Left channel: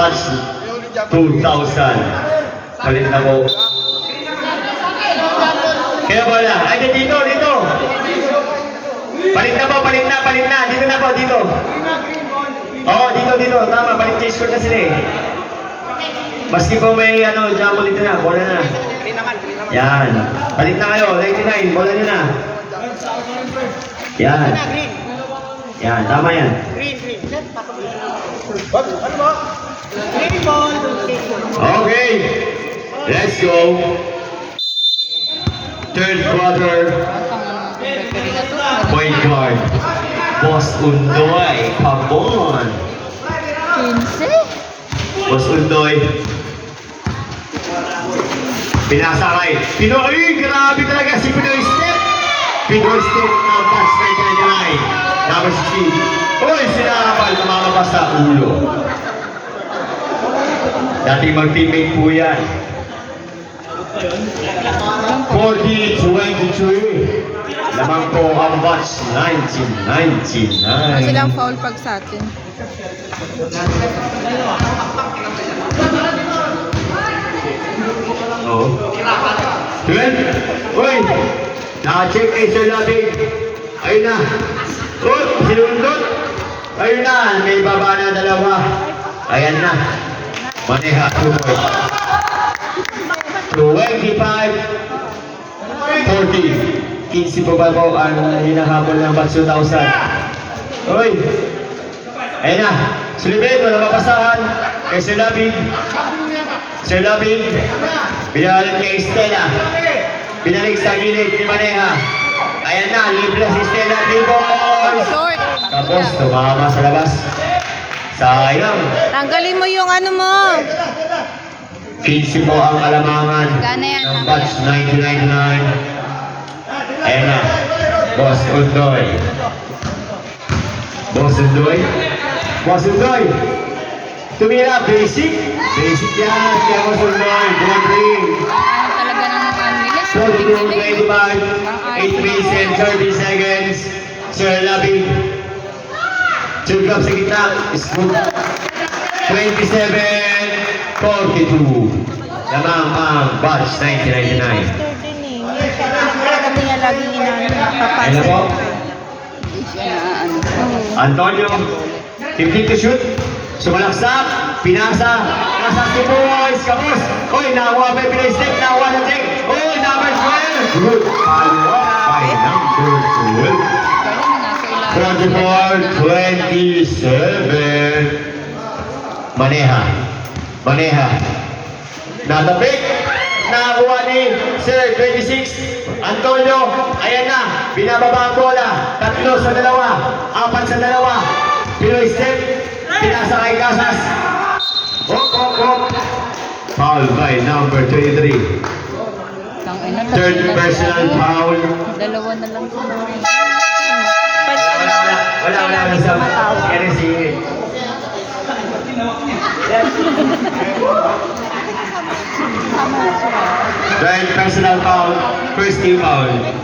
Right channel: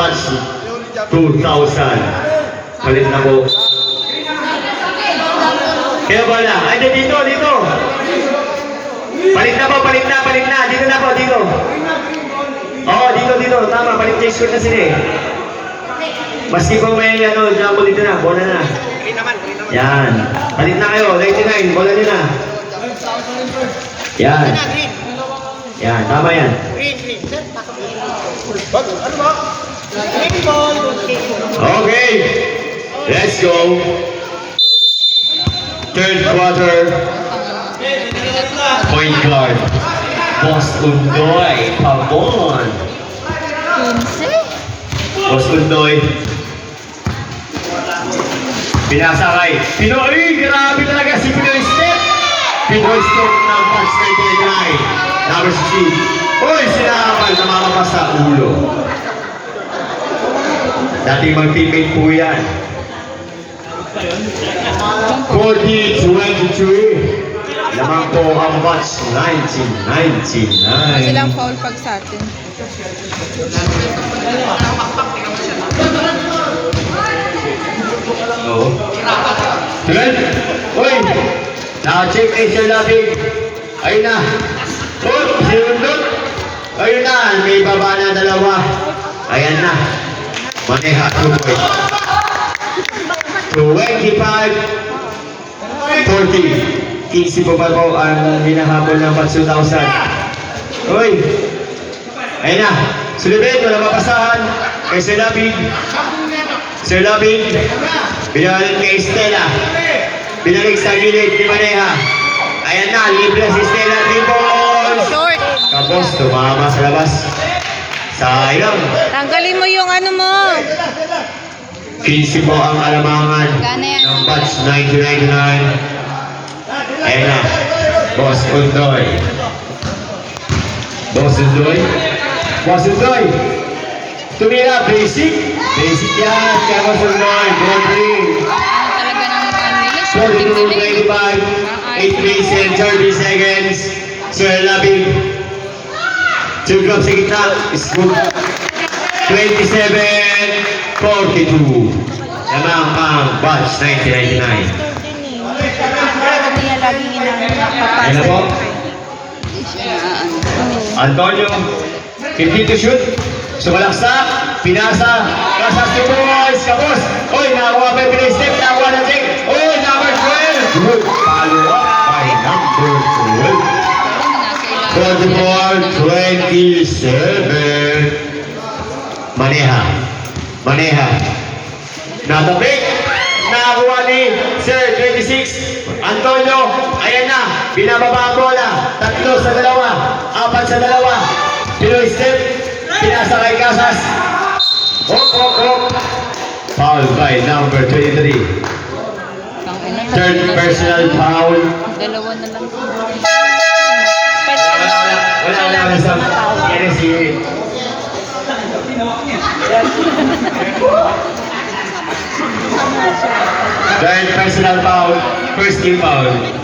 batch 2000. Palit na po. Kaya wala. Ay, dito. Palit na. Dito na po, dito. Oo, dito. Tama, palit t-shirt na sila eh. Maski po may jumbo dito na, bola na. Yan. Palit na kayo, 99, bola nyo na. Yan. Yan, tama yan. Green. Ano ba? Green ball. Okay. Let's go. Third quarter. Point guard. Boss Undoy. Pabon. 15? Boss Undoy. Pinasakay. Pinoy, grabe talaga si Pinoy Step. Pinoy Step ng batch 99. Number 16. Uy, sinakal na malakas sa ulo. Dating mag-teammate po yan. 40-23. Lamang po ang batch 1999. Kasi lang foul pag sa atin. Oo. 12. Uy! Naka-check Sir Lapid. Ayun na. Uy! Sinundot. Ayun na. May baba na dalawa. Ayan na. Maneha. 25. 40. 15 po ba po ang hinahabol ng batch 2000. Uy! Ayun na. Sulibet. Wala mapasahan. Kay Sir Lapid. Sir Lapid. Binalik kay Stella. Binalik sa gilid ni Maneha. Ayan na, libre si Stella. Libon! Short! Tapos, tumama sa labas. Sayang. Tanggalin mo yung ano mo. 15 po ang alamangan ng batch 1999. Ayan na. Boss Undoy. Boss Undoy. Tumira, basic yan. Kaya Boss Undoy. Bonding. Talaga ng 1 minute. 42, 25, 8 minutes and 30 seconds. Sir Labig. 2 clubs sa gitna. Scoop. 27-42. Lamang ang batch 1999. Kasi nga laging papasa. Ano po? Antonio. 50 to shoot. Sumalaksak. Pinasa. Kasas si Boys. Kapos. Oy, nakuha pa yung play step. Nakuha na check. Oy, number 12. Good. Follow up by number 12. 34-27. Maneha. Natabik. Nakakuha ni Sir 26. Antonio. Ayan na. Binababa ang bola. 3 sa 2. 4 sa 2. Pinoy step. Pinasa kay Casas. Hop. Foul by number 23. Third personal foul. Dalawa na lang. Wala sa NSC. Third personal foul. First team foul.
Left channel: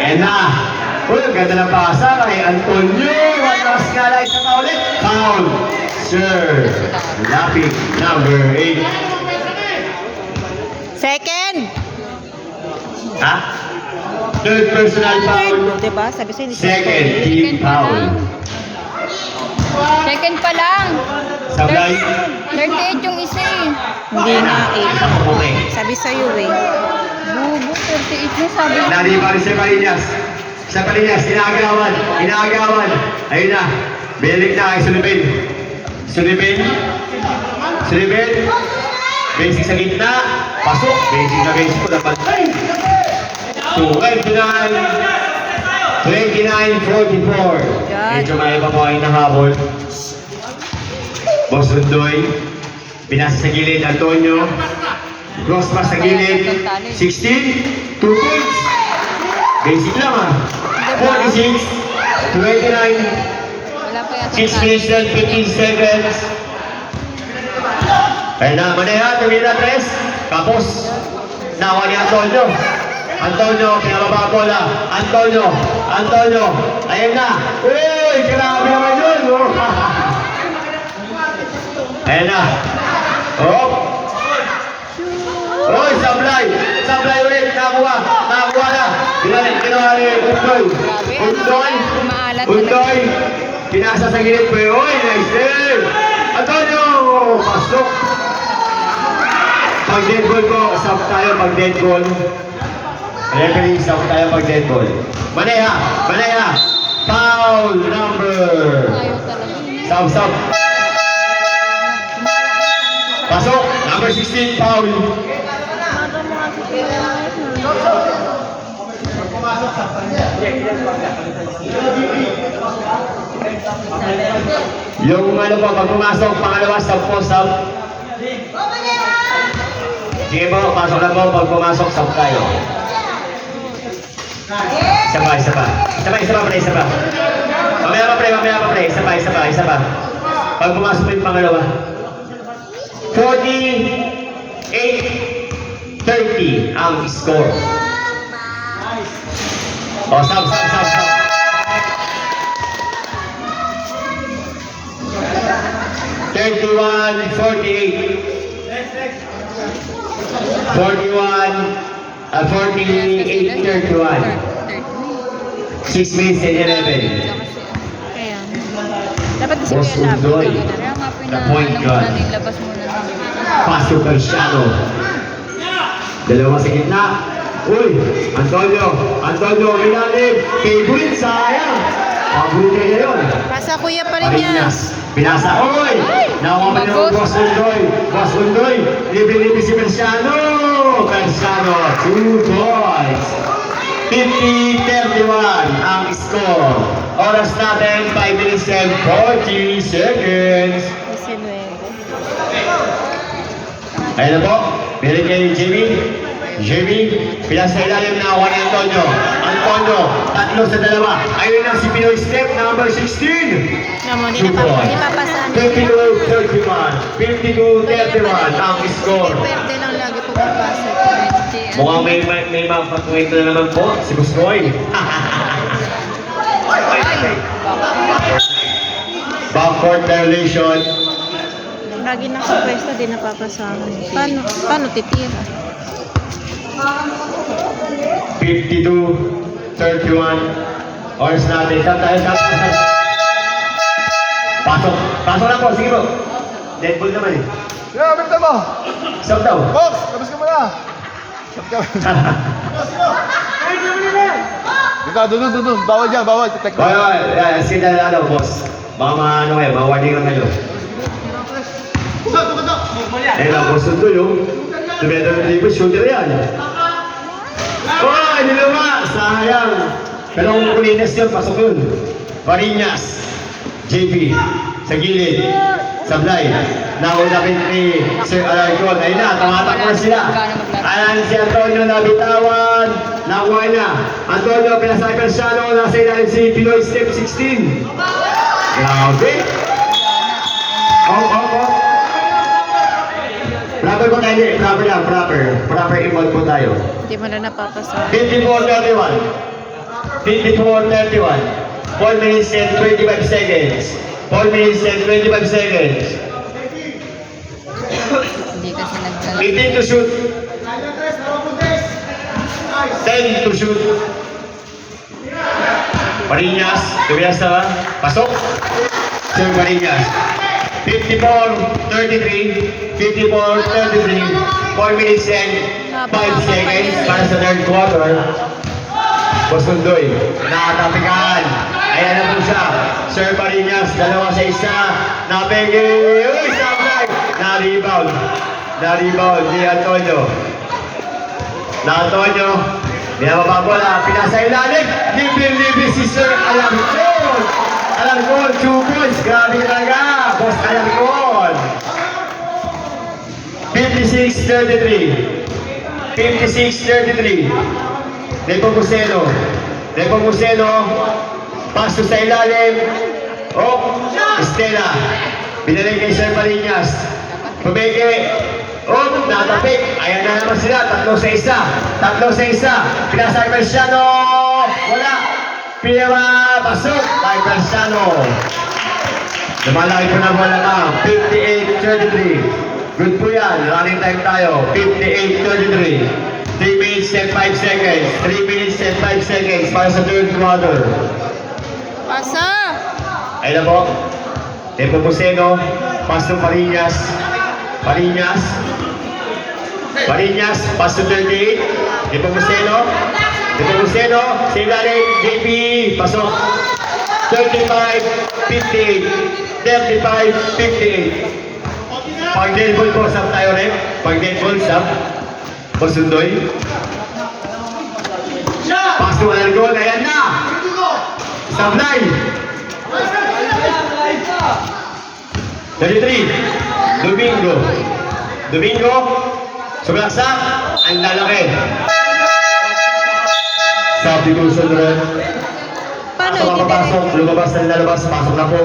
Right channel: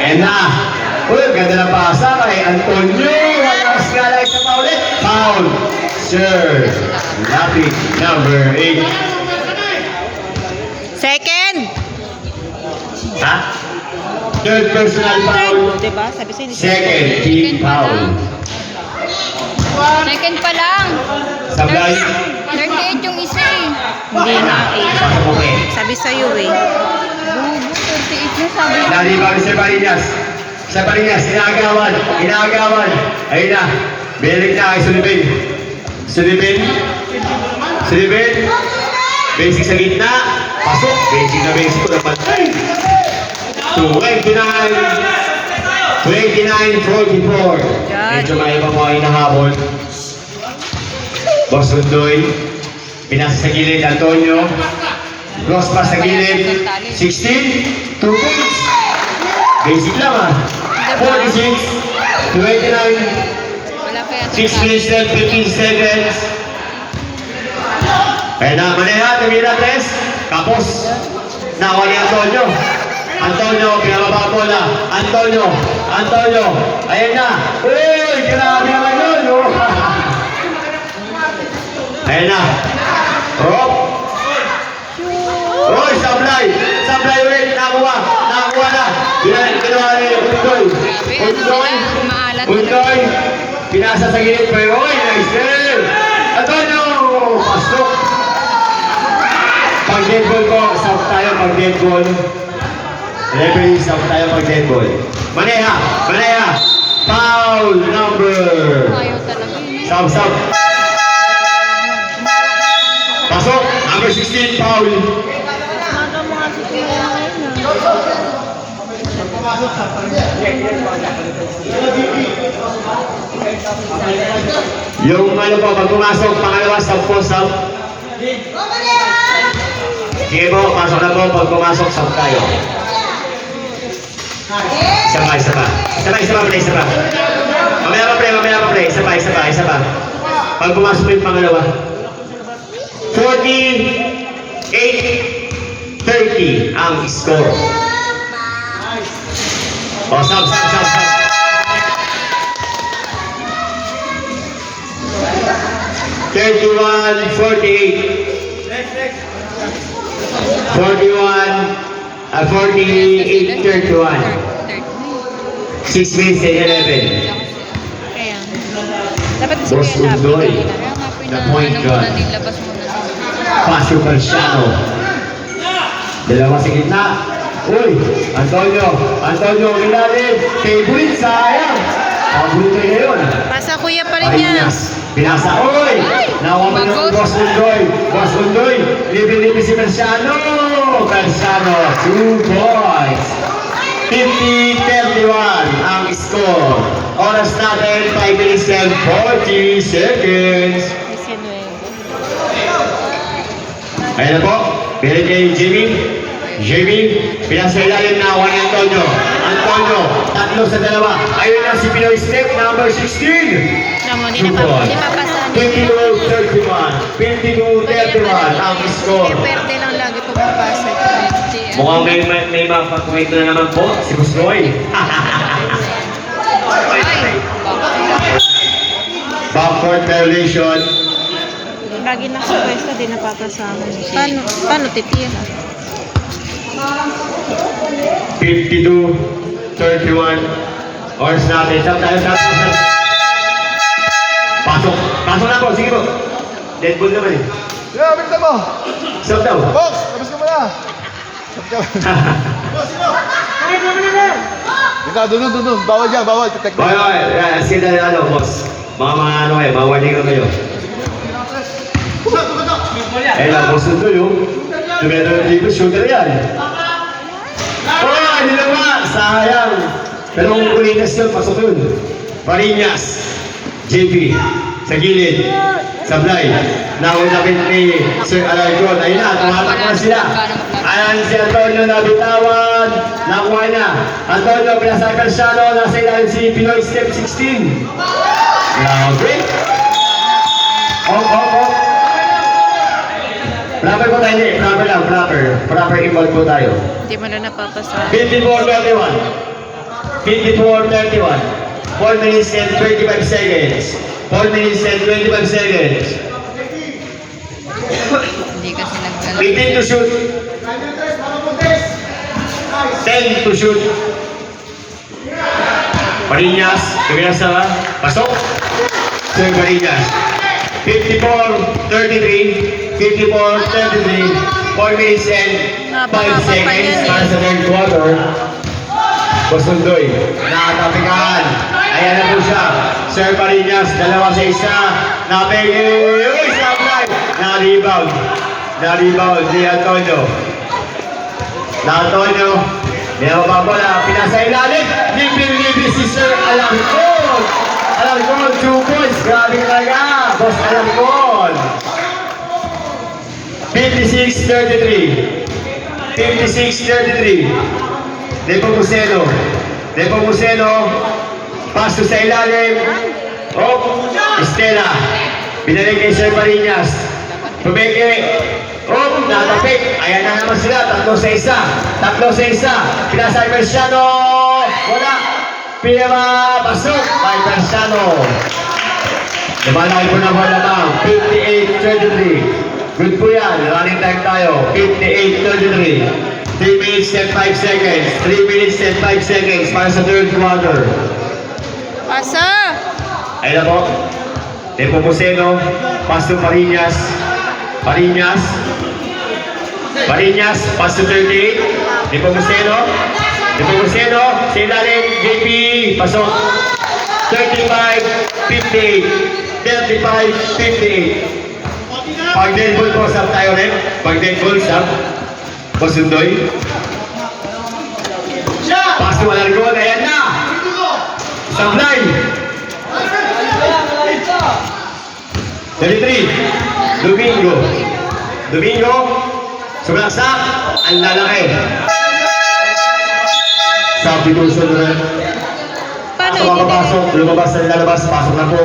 Ayan na. Uy, ganda ng pasa kay Antonio. Walang skala isa pa ulit. Foul. Sir Lapid, number 8. Second! Ha? Third personal foul. Diba? Sabi sa'yo. Second team foul. Second pa lang. Sablay. 38 yung isa eh. Hindi Ayan na. na. Pasok mo eh. Sabi sa'yo eh. Bubo, 38 na sabi. Naliban si Balinas. Sa Balinas, inaagawan. Ayun na. Bilik na kay Sulibin. Basic sa gitna. Pasok. Basic ko naman. 29-44. Medyo may iba mo ay nahabol. Boss Undoy. Pinasa sa gilid, Antonio. Cross pass sa gilid. 16. 2 points. Basic lang 46. 29. Wala pa yata. 6 minutes and 15 seconds. Kaya na, Maneha, tumira 3. Kapos. Nako ni Antonio. Antonio, pinababa bola. Antonio. Ayan na. Uy, grabe naman yun. Oh. Ayan na. Oh. Uy, sablay ulit. Nakakuha na. Ginawa ni Undoy. Pinasa sa gilid po. Uy, nice save. Antonio, pasok. Pag dead ball po, stop tayo pag dead ball. Referee, stop tayo pag dead ball. Manea. Foul number. Ayaw talaga yun. Stop. Pasok, number 16, foul. Yung ano po, pag pumasok, pangalawa, stop po, stop. Sige po, pasok na po, pag pumasok, stop tayo. Isa pa. Mamaya pa, pre. Isa pa. Pag pumasok po yung pangalawa. 48-30 ang score. O, stop. 48-31. 6 minutes and 11. Kaya. Dapat gusto Boss niya Undoy. The point guard. Labas muna. Pasio Calciano. Dalawa sa gitna. Uy, Antonio, ilalim. Favorite, sayang. Paborito niya yun. Pasa kuya pa rin yan. Parinas. Pinasa. Uy! Nakuha pa niya ang Boss Undoy. Libre si Calciano. 2 points. 50-31 ang score. Oras natin, 5 minutes and 40 seconds. Ayan na po. Meron kayo yung Jimmy. Pinasa ilalim na ako ni Antonio. Tatlo sa dalawa. Ayun na si Pinoy Step, number 16. Namo, di 2 points. napapasaan. 22-31 ang score. Perde lang lagi pumapasa. Mukhang may mga kwento na naman po, si Busnoy. Backcourt violation. Lagi nakapwesto, di napapasahan. Paano titira? 52-31. Oras natin. Stop. Pasok na po, sige po. Dead ball naman eh. Yeah, balik mo. Stop daw. Box, labas ka muna. Stop ka. Dito, doon. Bawal dyan, bawal. Titek Boy, sige na boss. Mga warning kayo. Boss ito yung tuloy shooter yan. Dalawa, sayang. Pero kung Parinas yun, pasok yun. Parinas, JP, sa gilid, sablay. Naunapit ni Sir Alarcon. Ayun na, tumatakbo na sila. Ayan si Antonio nabitawan. Nakuha niya. Antonio, pinasa Calciano, nasa ilalim si Pinoy Step 16. Grabe. Proper po tayo, proper involve po tayo. Hindi mo na napapasahan. 54-31. 4 minutes and 25 seconds. 4 minutes and 25 seconds. Hindi kasi nagdala. 18 to shoot. 10 to shoot. Parinas, kumiyasa ba? Pasok. Sir Parinas. 54-33. 54-33. 4 minutes and 5 seconds para sa third quarter. Boss Undoy, nakatapikan. Ayan na po siya. Sir Parinas, 2-1. Napigil. Sablay. Na-rebound ni Antonio. May mababola. Pinasa ilalim. Libre si Sir Alarcon. 2 points. Grabe talaga. Boss Alarcon. 56-33. Depo Museno. Paso sa ilalim. Estela. Binaling kay Sir Parinas. Tumeke. Natapik. Ayan na naman sila. 3-1. 3-1. Pinasa kay Marciano. Wala. Pinapasok kay Marciano. Lumalaki po na bola lamang. 58-33. Good po yan. Running time tayo. 58-33. 3 minutes and 5 seconds. 3 minutes and 5 seconds para sa third quarter. Pasa! Ayun na po. Nepomuceno. Pass to Parinas. Parinas. Pass to 38. Nepomuceno. Sa ilalim. JP. Pasok. 35-58. 35-58. Pag dead ball po, sub tayo rin. Pag dead ball, sub. Pasundoy. Pass to Alargon. Ayan na. Sablay. 33. Domingo. Sublaksak. Ang lalaki. Sabi ko sa rin. Paano Pasok ang papasok. Lumabas na lalabas. Pasok na po.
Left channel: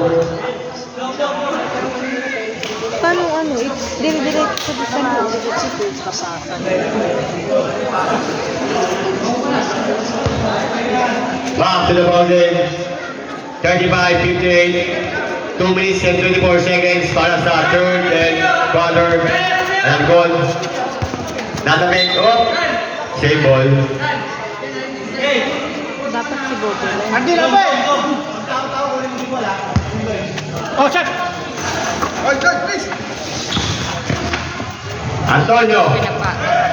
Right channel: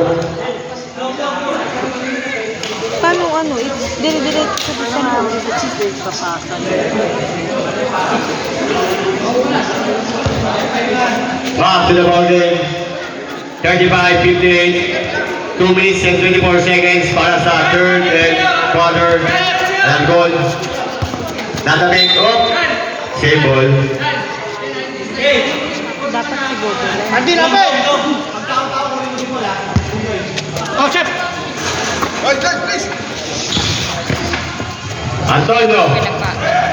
Paano ano? Dire-diretso ko sa loob. Back to the ball game. 35-58. 2 minutes and 24 seconds para sa third and quarter. And goal. Natarik. Oh. Save ball. Dapat si Bobo lang.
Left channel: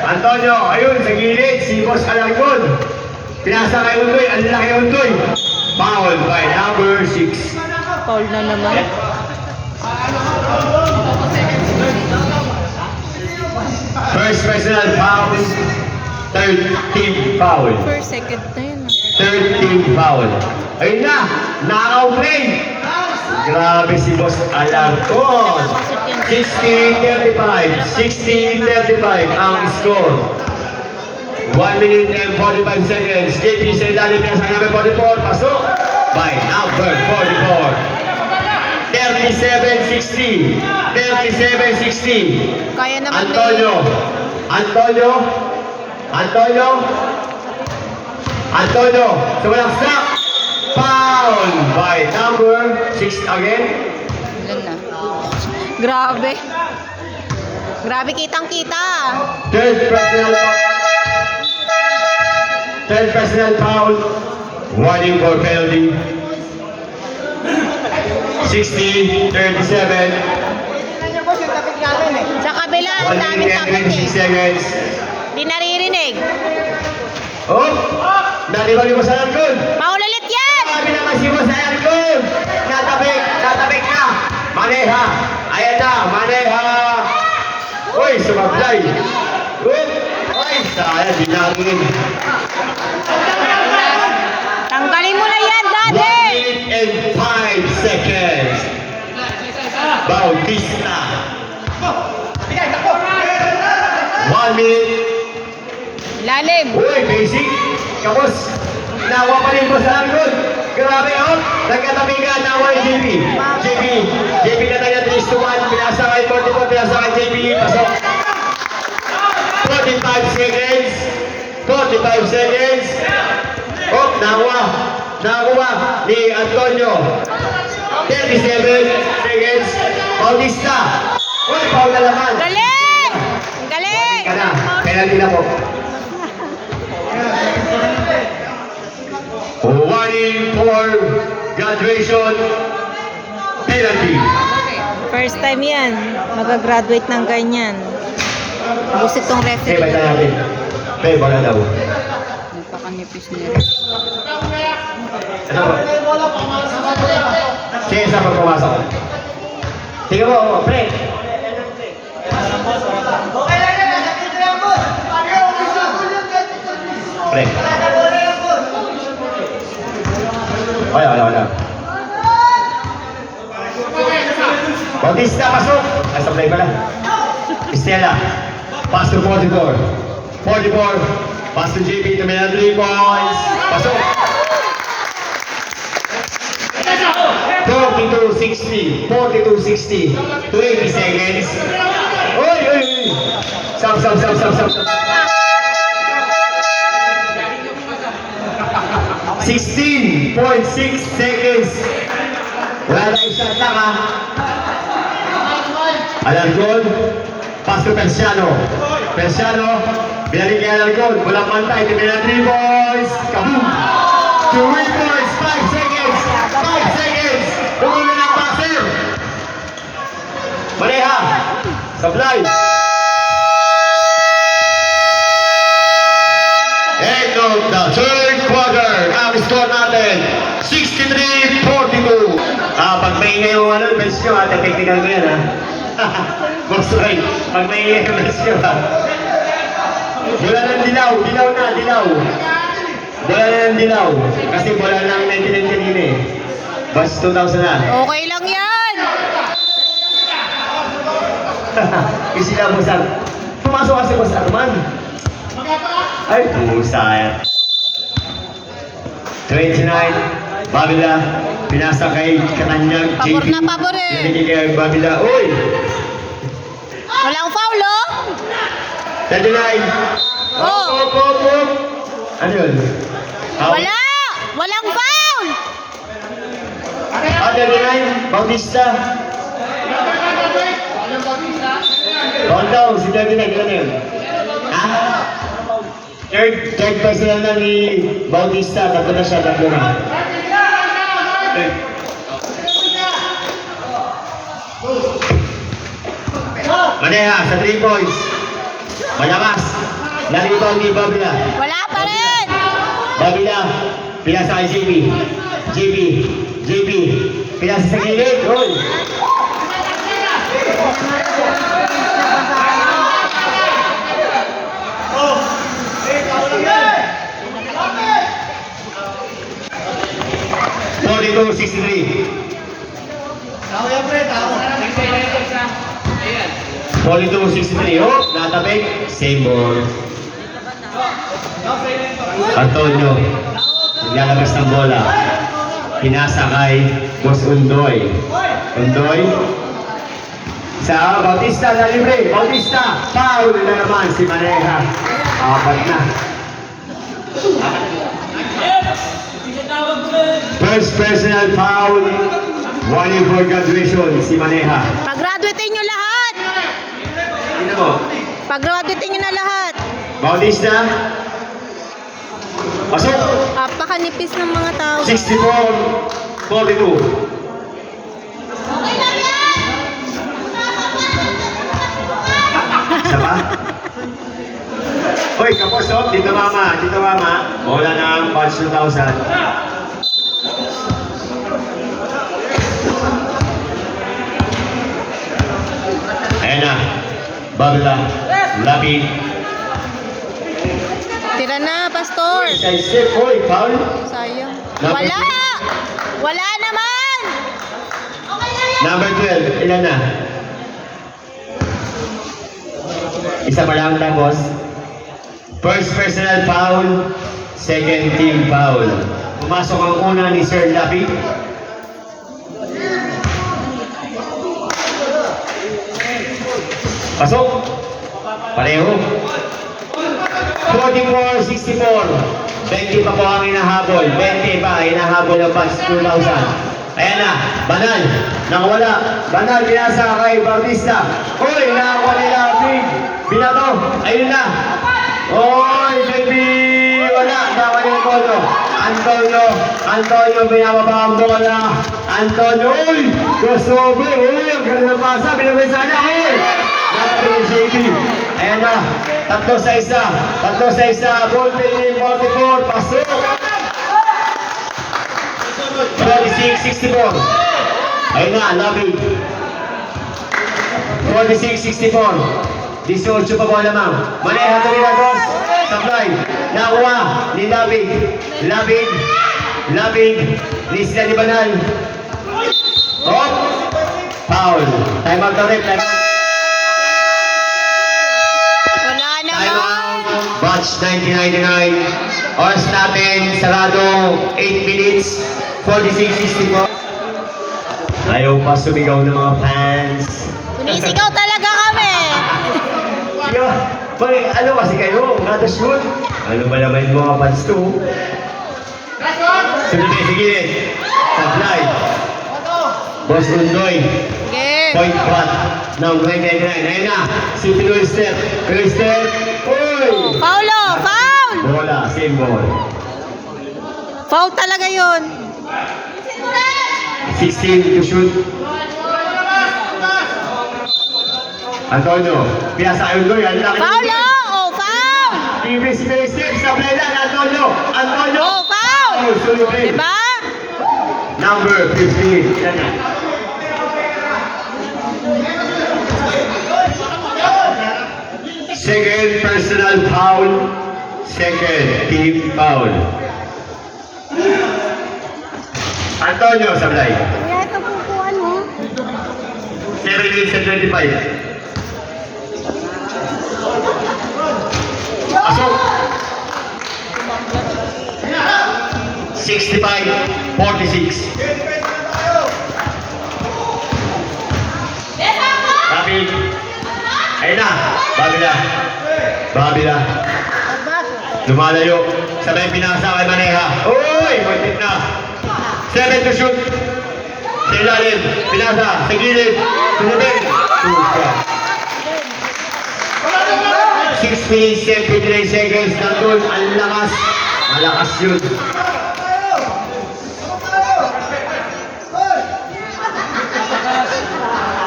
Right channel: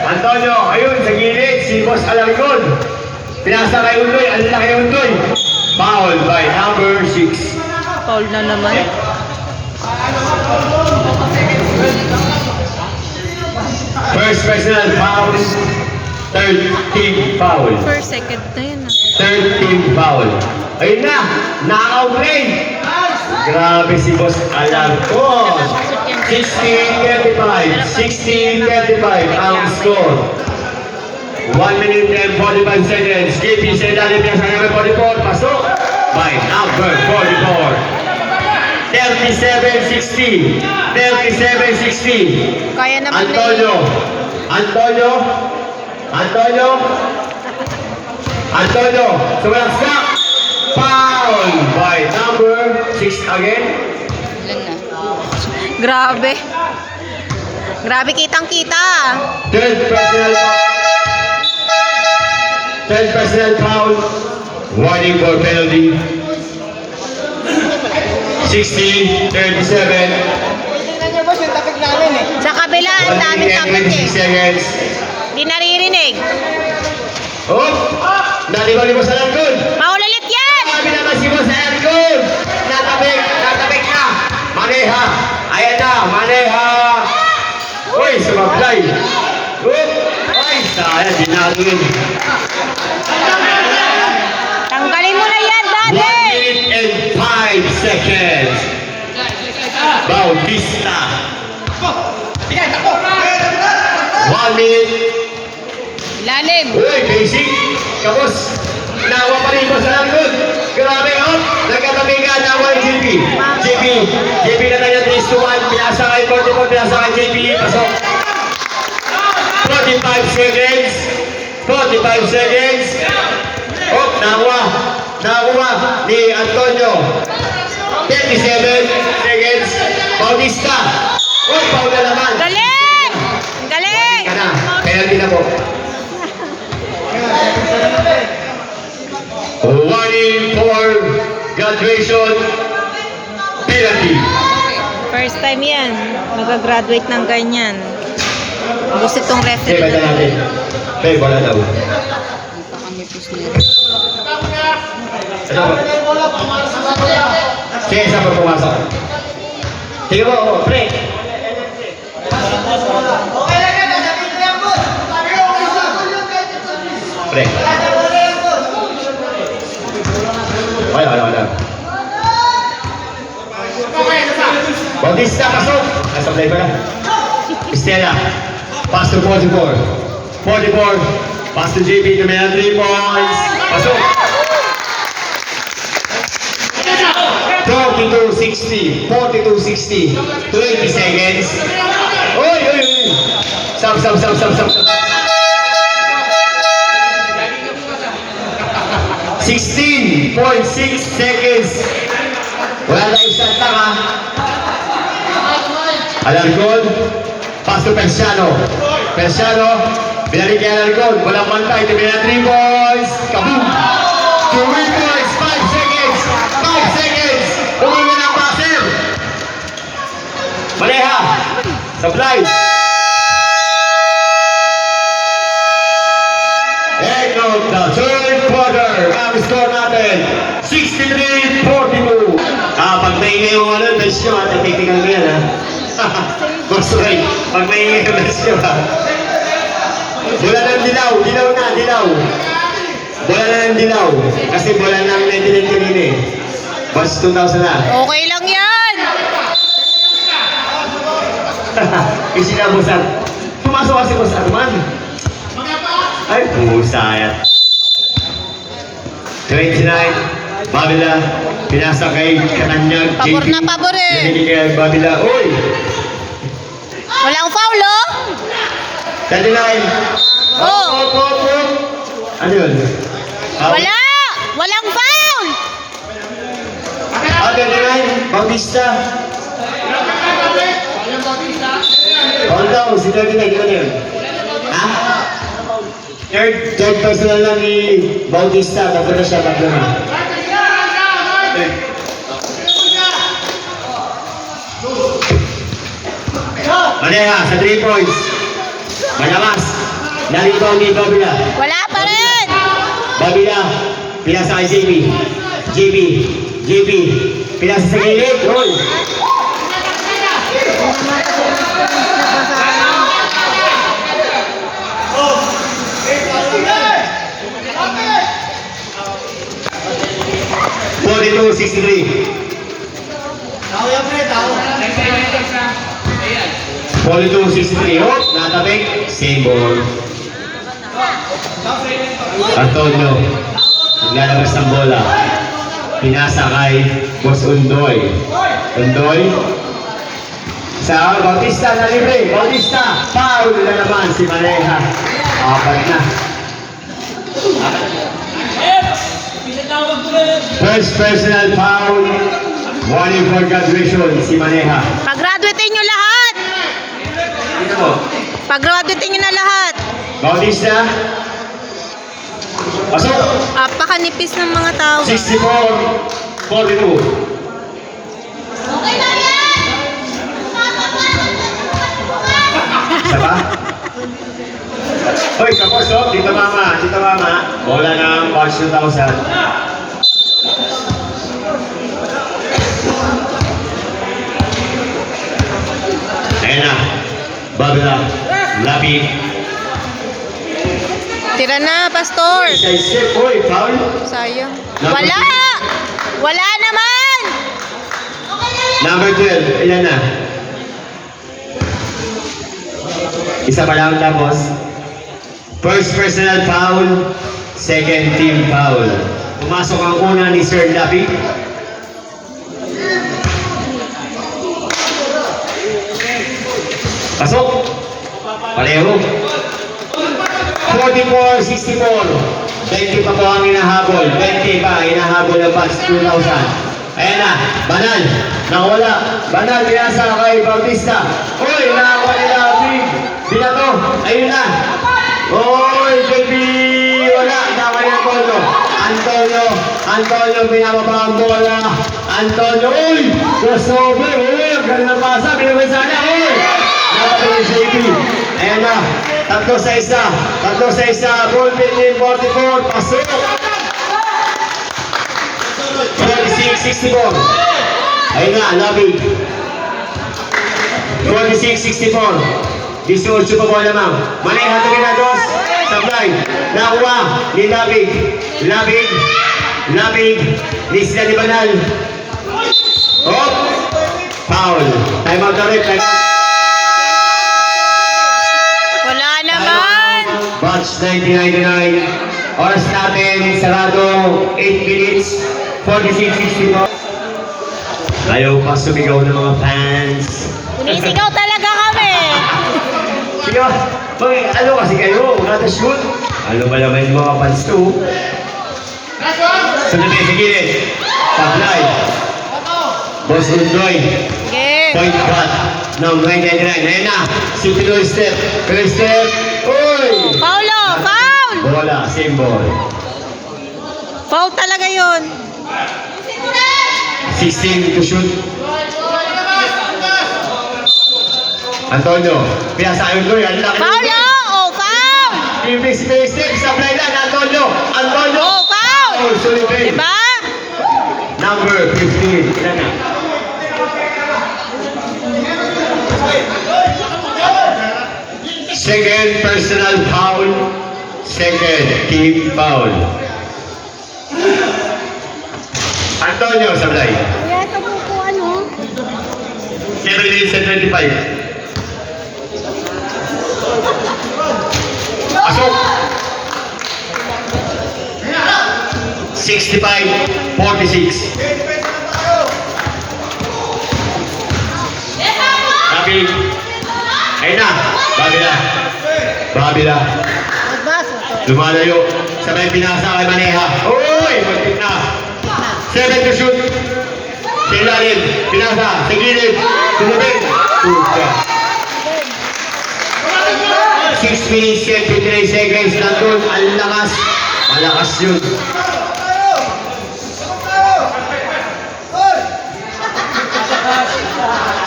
Antonio, ayun, sa gilid, si Boss Alargon. Pinasa kay Undoy, ang laki ng Undoy. Foul by number 6. Foul na naman. First personal foul. Third team foul. First, second na yun ah. Third team foul. Ayun na, naka-play. Grabe si Boss Alargon. 16-35. 16-35 ang score. 1 minute and 45 seconds. JP sa ilalim ng sa 44. Pasok by number 44. 37-60. 37-60. Kaya naman Antonio, sumalaksak. Foul by number 6 again. Ilan na? Grabe. Grabe kitang-kita. Third personal foul. Warning for penalty. 60-37. Sa kabila, ang daming takot eh. Seconds. Di naririnig. Oh! Nalibang-libang sa Alargon. Maulit yan! Sabi naman si Boss Alargon. Natabik na. Maneha. Ayan na, Maneha. Uy, sumablay. Uy, sayang, dinagin. Tanggalin mo na yan, 1 Daddy! minute and 5 seconds. Bautista. 1 minute. Ilalim. Uy, basic. Tapos, nakuha pa rin Boss Alargon. Grabe, oh. Nagkatabi ka, nakuha yung JP na tayo 3-1. Pinasa kay 44, pinasa kay JP. Pasok. 45 seconds. 45 seconds. Oh, nakuha ni Antonio. 37 seconds. Bautista. Uy, Paul na naman. Galing! Ang galing! Kana, penalty na po. Warning for graduation penalty. First time yan. Mag-graduate ng ganyan. Busit tong Okay, referee basta na. natin. Okay, wala daw. Napakanipis nila. Ano po? Sige, saan po pumasok? Sige po, pre. Pre. Wala. Bautista, pasok! Nasa play pa na. Estela, pass to 44. 44, pass to JP, to may 3 points. Pasok! 42-60, 42-60, 20 seconds. Uy! Stop. 16.6 seconds. Wala na isang tanga. Alarcon. Pass to Persiano. Binalik niya Alarcon. Walang 1-5. Tingnan 3 points. Kaboom! 2 points. 5 seconds. 5 seconds. Tumuli ng passer. Maneha. Supply. End of the third quarter. Ang score natin, 63-42. Pag may ingay yung best nyo, tititignan mo yan, ha? Gusto kayo, pag may ingay yung best nyo, ha? Bola ng dilaw. Bola ng dilaw. Kasi bola ng 1999 eh. Bus 2000 na. Okay lang yan. Kasi na busan. Tumasok kasi busan man. Ay, pusayat. 29, Babila, pinasa kay Kananyag. Pabor na pabor eh. Pinili kay Babila. Uy! Walang foul, oh. 39. Oh. Op. Ano yun? Wala. Walang foul. 39, Bautista. Hold down, si 39, ano yun? Ha? Third personal lang ni Bautista, tapos na siya, tatlo na. Maneha, sa 3 points. Malakas. Narito ni Babila. Wala pa rin. Babila, pinasa kay JB, pinasa sa gilid. Goal. Forty-two, 63. 42-63. Oh, natabik. Same ball. Antonio. Naglalabas ng bola. Pinasa kay Boss Undoy. Sa Bautista na libre. Bautista. Foul na naman si Maneha. Apat na. First personal foul. Warning for graduation si Maneha. Pag-graduate nyo lahat. Dito mo. Pag-graduate nyo na lahat. Bautista. Pasok. Apakanipis ng mga tao. 64-42. Okay lang yan. Isa pa? Hoy, tapos oh. Dito mama. Bola ng March 2000. Ayan na. Babila. Lapid. Tira na, Pastor. Kay Sir, hoy, foul. Sayang. Wala. Wala naman. Number 12, ilan na? Isa pa lang tapos. First personal foul, second team foul. Pumasok ang una ni Sir Lapid. Pasok. Pareho. 44-64. 20 pa po ang hinahabol. 20 pa, hinahabol ang Bucks 2000. Ayan na, Banal. Nakawala. Banal, pinasa kay Bautista. Uy, nakakuha nila. Binato. Ayun na. Uy, baby. Wala. Nakakuha nila Antonio. Antonio, pinababa ang bola. Antonio, uy. Crossover. Uy, ang galing ng pasa. Pinabasa niya. Uy. Nakakuha ni JP. Ayan na. Tatlo sa isa. Ball pinning 44. Pasok. 46-64. Ayun na, Lapid. 46-64. 18 pa po lamang. Maneha Torinados. Sablay. Nakuha ni Lapid. Lapid. Ni sila ni Banal. Hop. Foul. Time out ulit. Wala naman. Batch 1999. Oras natin, sarado 8 minutes. 46-64. Ayaw pa sumigaw ng mga fans. Sinisigaw talaga kami. Yo, ano kasi kayo? Not shoot? Ano ba naman yung mga fans ko? Sunod tayo sa gilid. Supply. Boss Undoy. Game. Point front. Ng 999. Ayun na. Si Pinoy step. Pinoy step. Uy! Paulo, foul! Bola. Same ball. Foul talaga yun. 16 to shoot. Antonio. Pinasa Undoy. Ang laki. Paulo! Oh, foul! Ibig si Pinoy step. Supply lang. Antonio. Antonio. Oh, foul! Oh, sorry. Diba? Number 15. Ilan na? Second personal foul. Second team foul. Antonio Sablay. 7 minutes and 25. Asok. 65-46. David. Ayun na. Babila. Babila. Lumalayo. Sabay pinasa kay Maneha. Uy! Magpit na. 7 to shoot. Sa ilalim. Pinasa. Sa gilid. Sinubin. 6 minutes and 59 seconds. Nandun. Ang lakas. Malakas yun.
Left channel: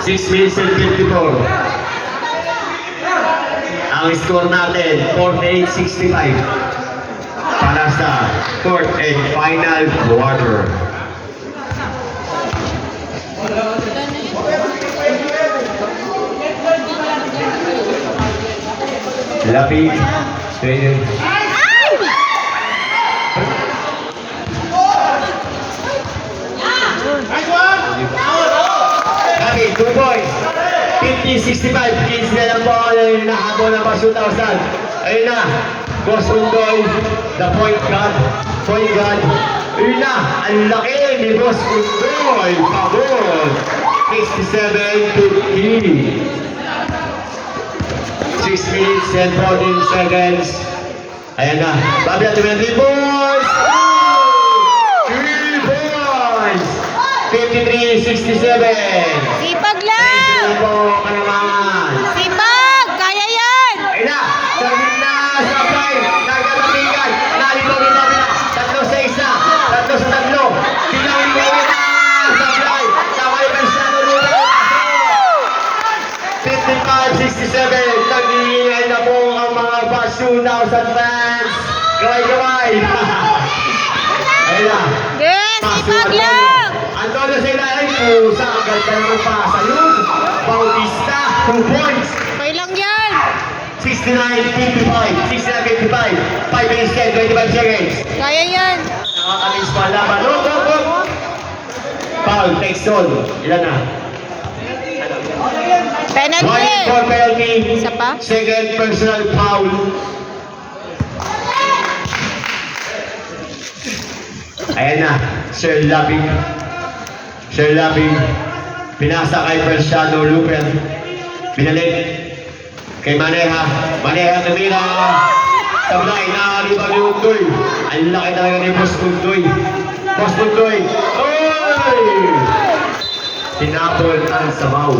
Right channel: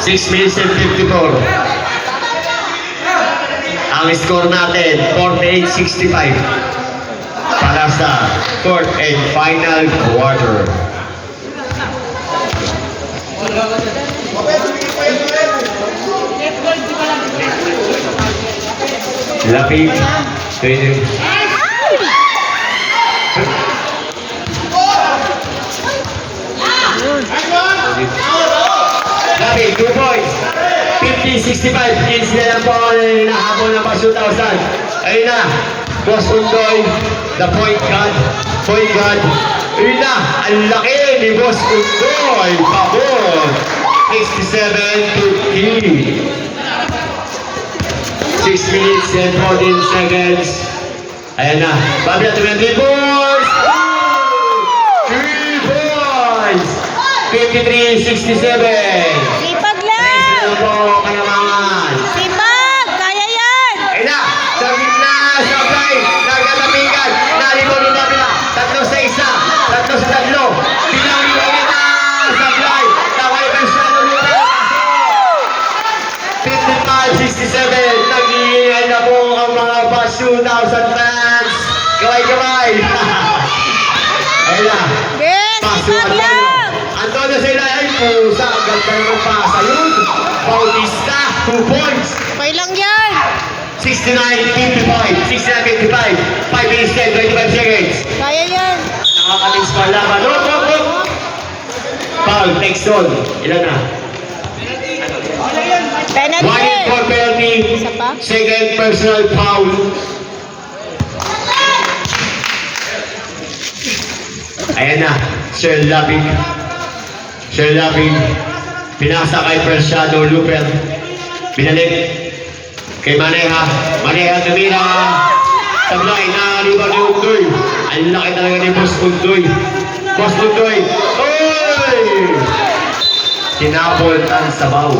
Six minutes and 54. Ang score natin, 48-65. Para sa fourth and final quarter. Lapit. Pwede. Lapit, 2 points. 50-65. Kids na lang po ang nahabol ng pa 2,000. Ayun na. Boss Undoy, the point guard. Point guard. Ayun na. Ang laki ni Boss Undoy. Pabor. 67-50. 6 minutes and 14 seconds. Ayan na. Babila to 20 points. 3 points. 53-67. Sipag lang! Ito ka naman. Sipag! Kaya yan! Ayun na. Sa gitna. Supply. Nagkatapikan. Naligaw ni Babila. 3 sa 1. 3 sa 3. Bilang ni na. Supply. Nakay ka siya. 55-67. Nagigingay na po ang mga Bus 2,000 fans. Gaway-gaway. Ayun na. Yes! Sipag lang! Antonio sa ilalim. Pusa. Ang ganda naman pa. Sayun. Bautista. 2 points. Okay lang yan! 69-55. 69-55. 5 minutes and 25 seconds. Kaya yan! Nakakamiss pa laban. Foul. Next zone. Ilan na? Penalty! 1 for penalty. Isa pa? Second personal foul. Ayan na. Sir Lapid. Sir Lapid. Pinasa kay Persado Luper. Binalik kay Maneha. Maneha kamila. Sablay na liwa ni Undoy. Ang laki talaga ni Boss Undoy. Boss Undoy. Oy! Tinapon ang sabaw.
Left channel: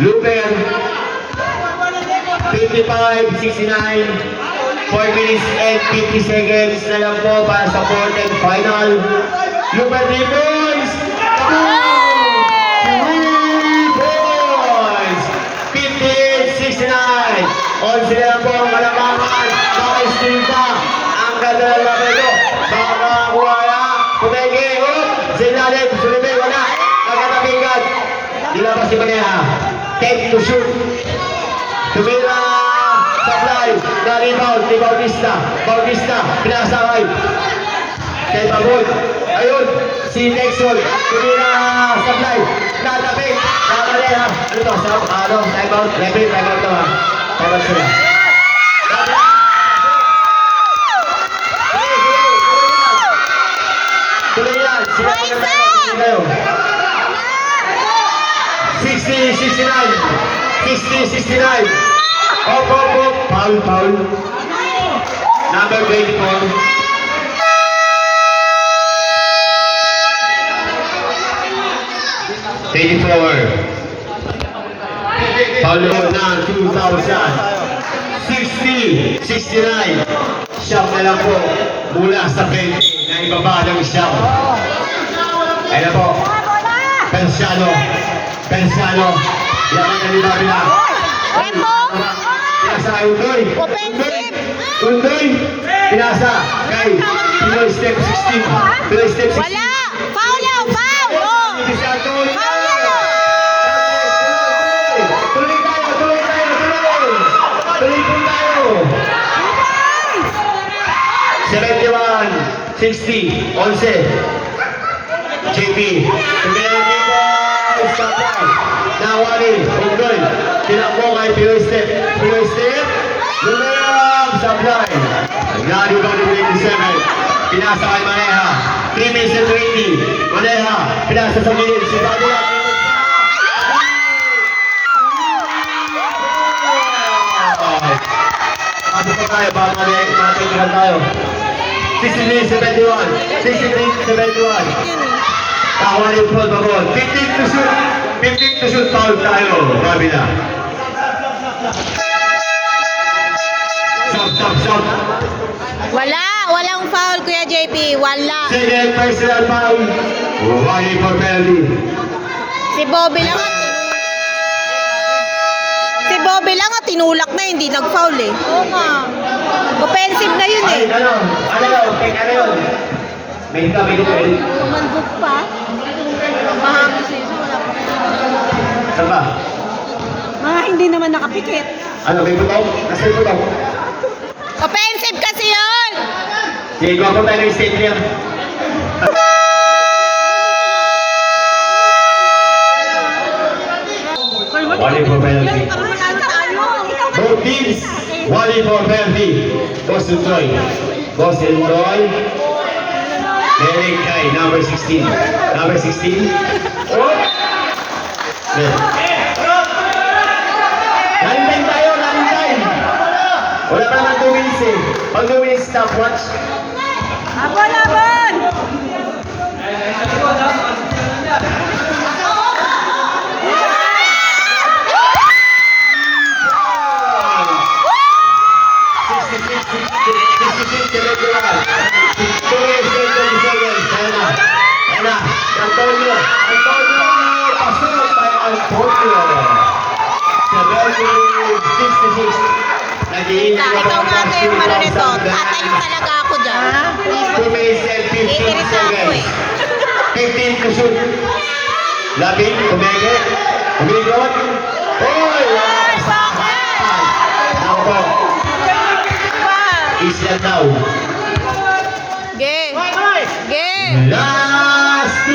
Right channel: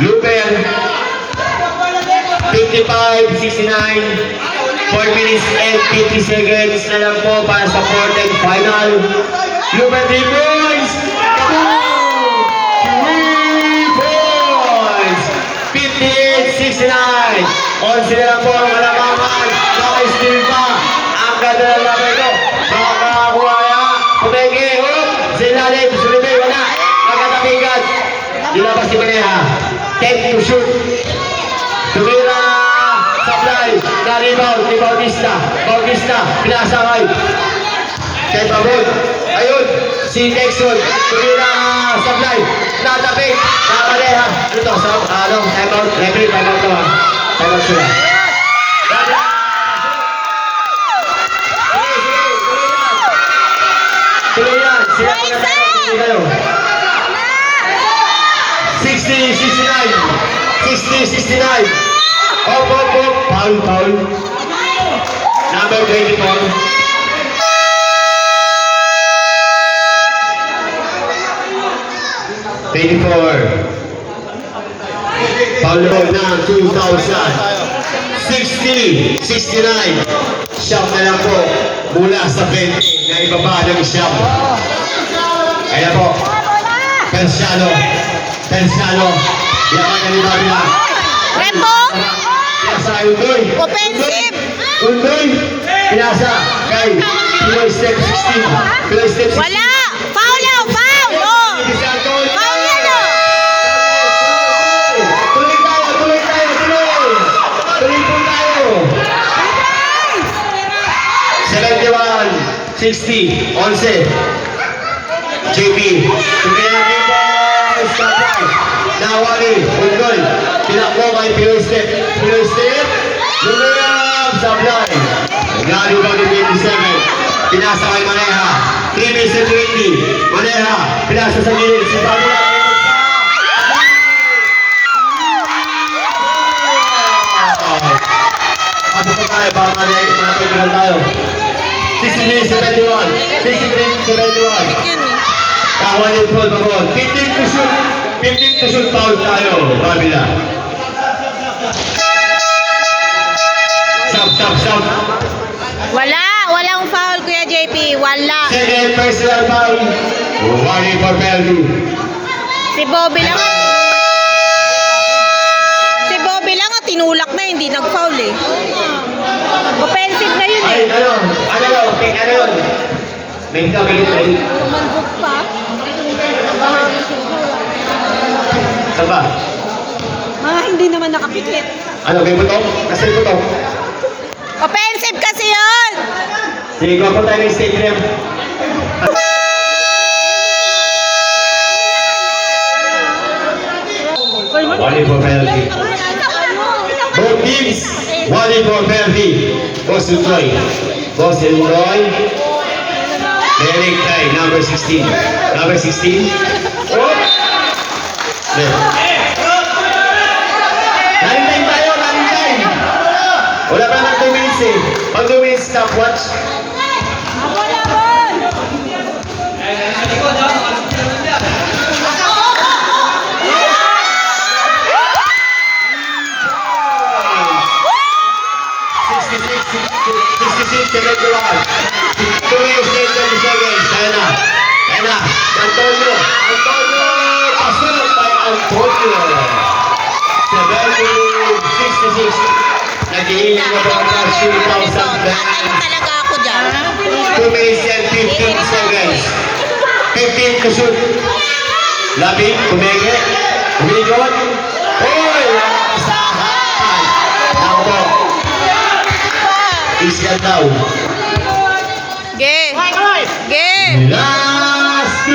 Luper. 55-69. 4 minutes and 50 seconds na lang po para sa fourth and final. Luper 3 points! 3 points! 58-69. 11 na lang po ang kalamangan. Naka-steal pa. Ang ganda ng laban ito. Makakuha. Pumenge. Sinalit. Sulibay. Wala. Magkatapigan. Dilabas si Maneha. 10 to shoot. Tumira. Supply. Na-rebound ni Bautista. Bautista. Pinasakay. Kay Babon. Ayun. Si Texon. Tumira. Supply. Natapik. Kamaneha. Ano to? Time out. Referee. Time out to ha. Time out sila. Tuloy yan. 60-69. 60-69. Op. Foul. Number 24. Paulo ng 2,000. 60-69. Siyam na lang po mula sa 20 na ibaba ng siyam. Ayan po. Pensiano. Yaman na ni Babila. Repo. Pinasa kay Undoy. Offensive. Undoy. Pinasa kay Pinoy Step 16. Pinoy Step 16. Wala. Foul yan. Foul. Oh. Foul yan oh. Tuloy tayo. Tuloy po tayo. 71, 60, 11. JP. Tingnan natin po. Stop. Nawali. Ungol. Tinakbo kay Pinoy Step. Lumiyab sa blind. Lalo ba ni 27? Pinasa kay Maneha. 3 minutes and 20. Maneha. Pinasa sa gilid. Si Pablo. Ano pa tayo? Baka matagalan tayo. 63-71. 63-71. Kakuha yung foul pa po. 15 to shoot foul tayo. Babila. Stop. Walang foul, Kuya JP. Wala. Second personal foul. One for penalty. Si Bobby lang at tinulak na, hindi nag-foul eh. Offensive na yun Ay, eh. ano yun? May dito. Saan ba? Mga hindi naman nakapikit. Ano, may butong? Nasa yung butong? Offensive kasi yun! Sige, gawa po tayo ng stadium. One for penalty. Both teams, one for penalty. Boss Undoy. Derek Kai, number 16. Number 16. Oh! There. Running time tayo. Wala pa naman 2 minutes eh. Pag 2 minutes stopwatch. Antonio. Pasok by Antonio. 70-66. Naghihingi na po ang shootout sa Tatayo talaga ako dyan. 2 minutes and 15 seconds. 15 to shoot. Labing, umigawat. Hey, kasahan. Ako po. Island now. Ge. Last 2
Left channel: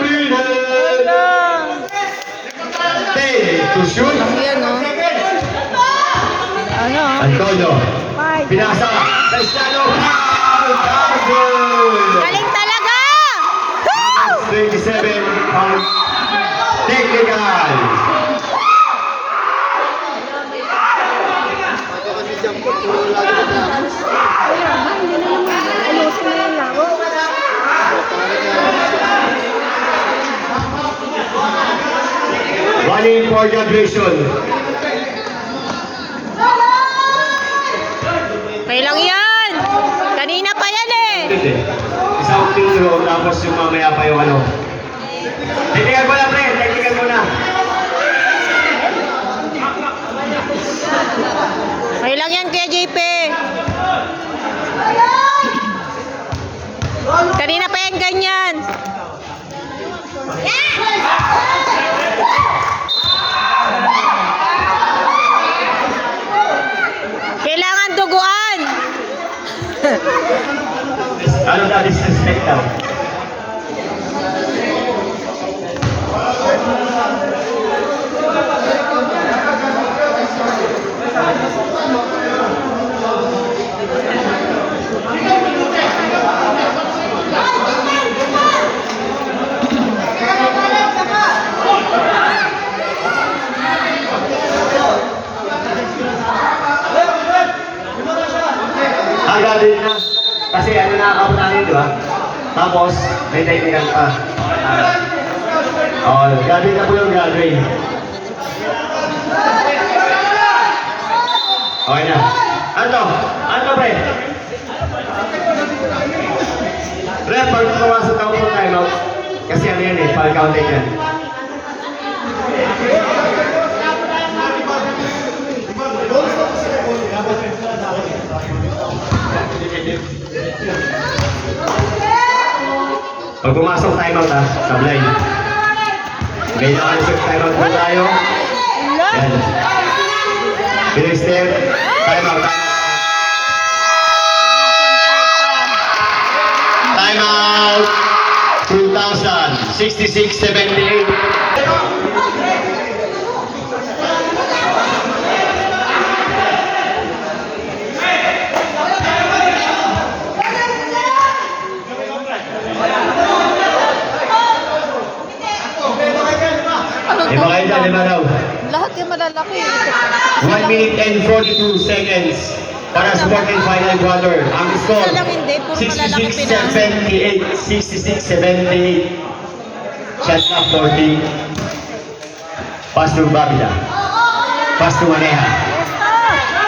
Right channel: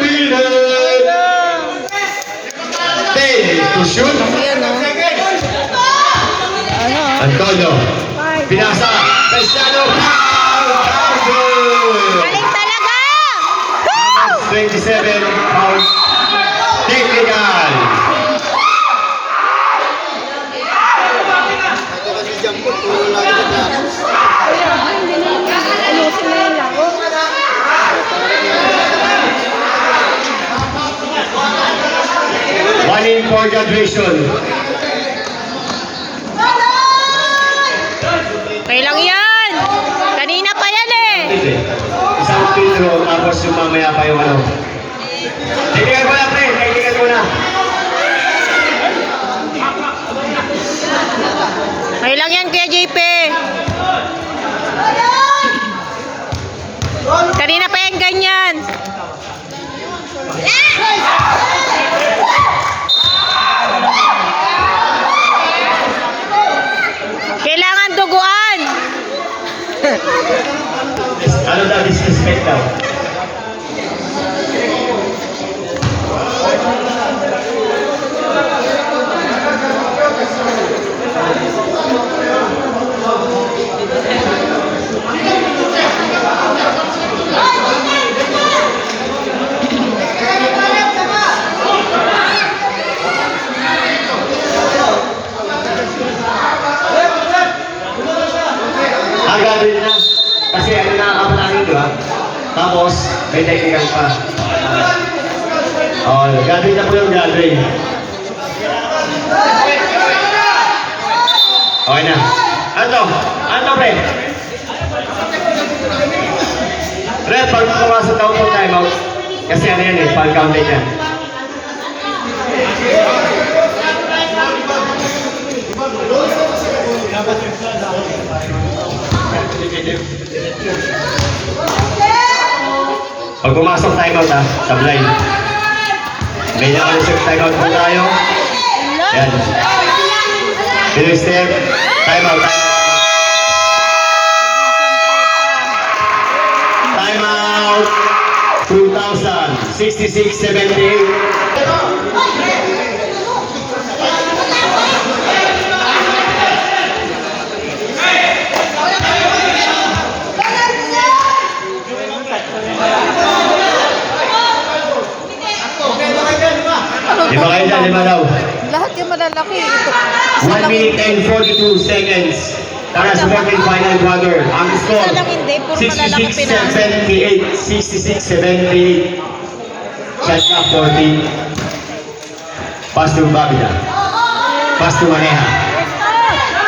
minutes. 10 to shoot. Yan o. Antonio. Pinasa. Cristiano. Galing talaga! 27 pounds. Technical. One for graduation. Okay lang yan. Kanina pa yan eh. Isang kilo, tapos yung mamaya pa yung ano. Tingnan mo na, pre. Tingnan mo na. Okay lang yan, Kuya JP. Kanina pa yan ganyan. Kailangan duguan. Ano daw, disrespect daw? Kasi ano nakakapunta nyo, di ba? Tapos, may technical pa. Oh, gathering na po yung gathering. Okay na. Ano? Ano, pre? Pre, pag pumasok ako po time out, kasi ano yan eh, pag-counting yan. Pag pumasok time out ha, sablay. May na-answer time out po tayo. Yan. Next step, time out. Time out. 2,000, 66, 78. Lima kayo na, lima daw. Lahat yung malalaki. Ito. 1 minute and 42 seconds para sa second final quarter. Ang score, Isa lang hindi, puro malalaki 66, pinasa. 78, 66, 78. Shot clock 40. Pass to Bagda. Pass to Maneja.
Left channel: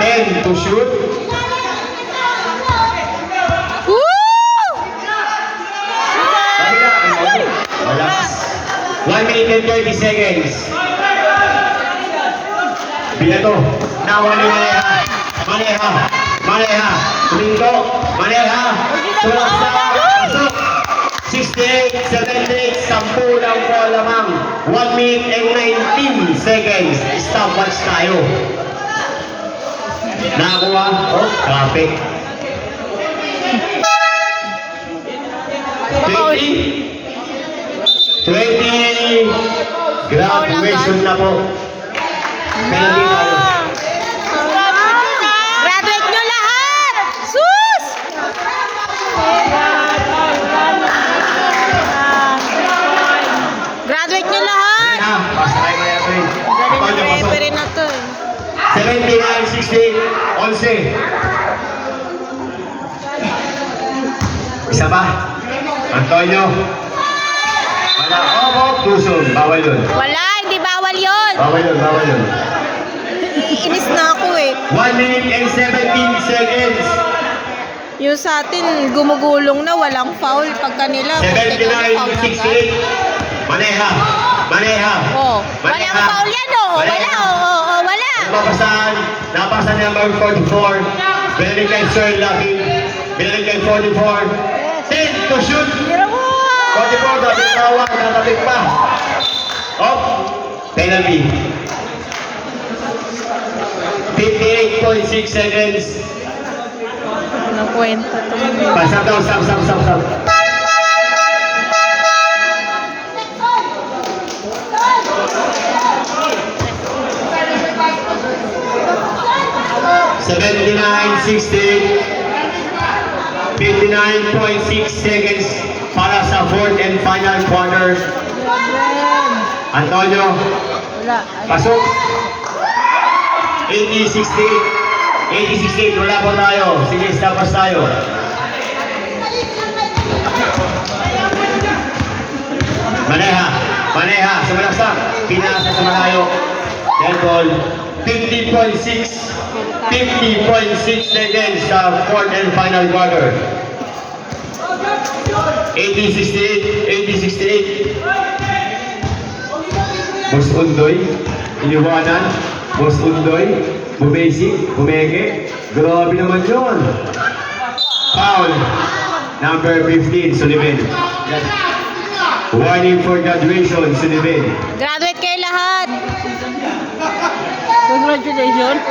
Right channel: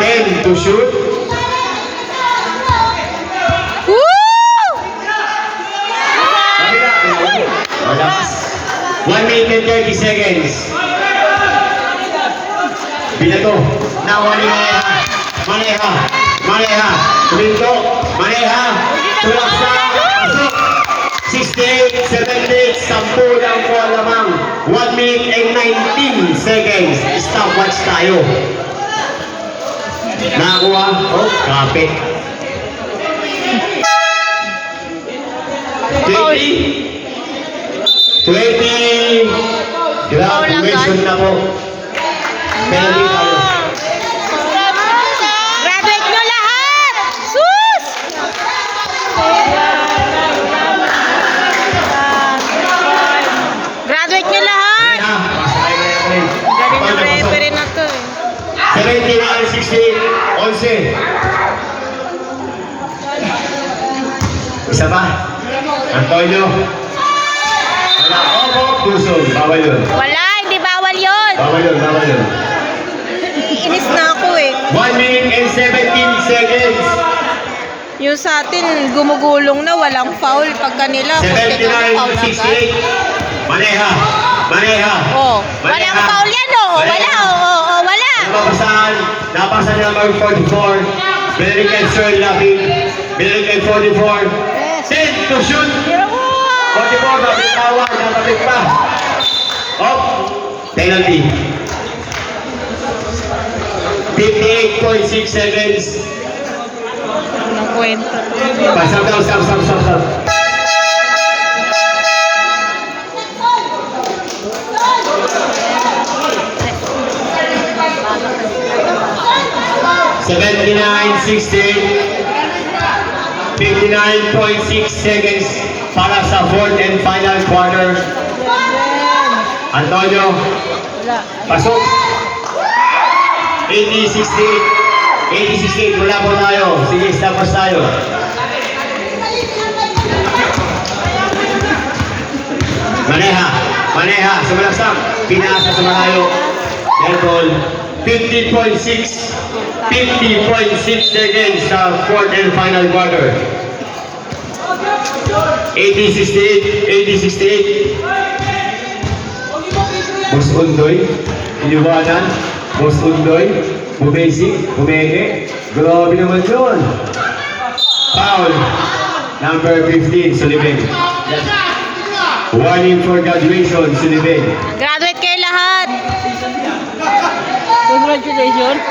10 to shoot. Woo! Bagda. Relax. 1 minute and 30 seconds. Binato. Nakuha ni Maneja. Maneja. Maneja. Tuminto. Maneja. Tulaksa. Pasok. 68, 78, 10 lang po lamang. 1 minute and 19 seconds. Stopwatch tayo. Nakuha. Oh, kapit. 20. Graduation na po. Penalty tayo. Graduate nyo lahat! Sus! Graduate nyo lahat! Na, basta tayo na yan. Galing ng referee na to. 79, 60, 11. Isa pa. Antonio. Wala. Opo, tusog. Bawal yun. Wala, hindi bawal yun. Bawal yun, bawal yun. Inis na ako eh. 1 minute and 17 seconds. Yung sa atin, gumugulong na, walang foul. Pag kanila, kunti ka na foul 79, agad. 68. Maneja. Maneja. Oh, walang foul yan oh. Wala, wala. Napapasahan. Napapasahan ng number 44. Binalik kay Sir Lucky. Binalik kay 44. 10 to shoot. 44, bakit tawa? Natabit ka. Up. Penalty. 58.6 seconds. Anong kwento to? Stop daw, stop. 79, 60, 59.6 seconds para sa fourth and final quarter. Antonio, pasok. 80, 68, wala po tayo. Sige, stopwatch tayo. Maneja, sumalaksak. Pinasa sa malayo. Yan ball. 50.6 seconds sa fourth and final quarter. 80, 68. Boss Undoy, iniwanan. Boss Undoy, bumesi, bumeke. Grabe naman yun. Foul. Number 15, Sullivan. Warning for graduation, Sullivan. Graduate kayo lahat. Congratulations.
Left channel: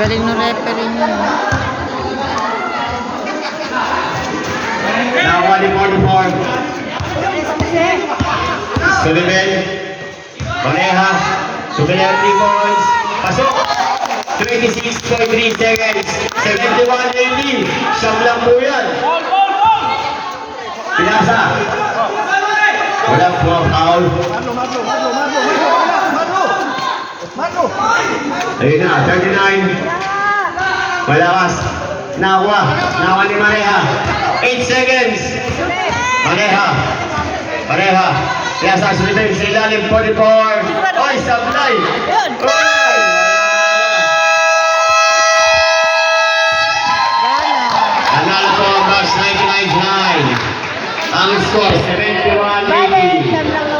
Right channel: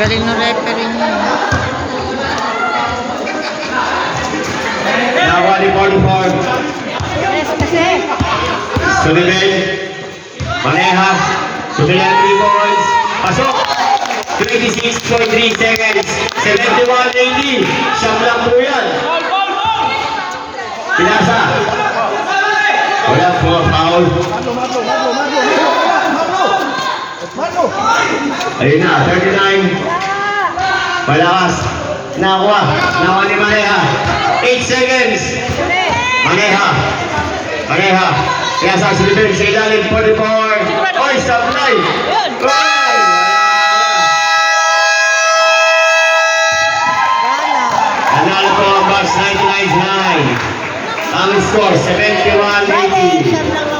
Galing ng referee niya. Now, warning for the form. Sullivan. Maneja. Sullivan, 3 balls. Pasok. 26.3 seconds. 71-80. Siyam lang po yan. Pinasa. Wala po foul. Mano! Ayun na, 39. Malakas. Nakuha. Nakuha ni Maneha. 8 seconds. Maneha. Maneha. Kaya sa silipin sa ilalim, 44. Oy, sablay. Oy! Nanalo po ang Bucks 99-9. Ang score, 71-80.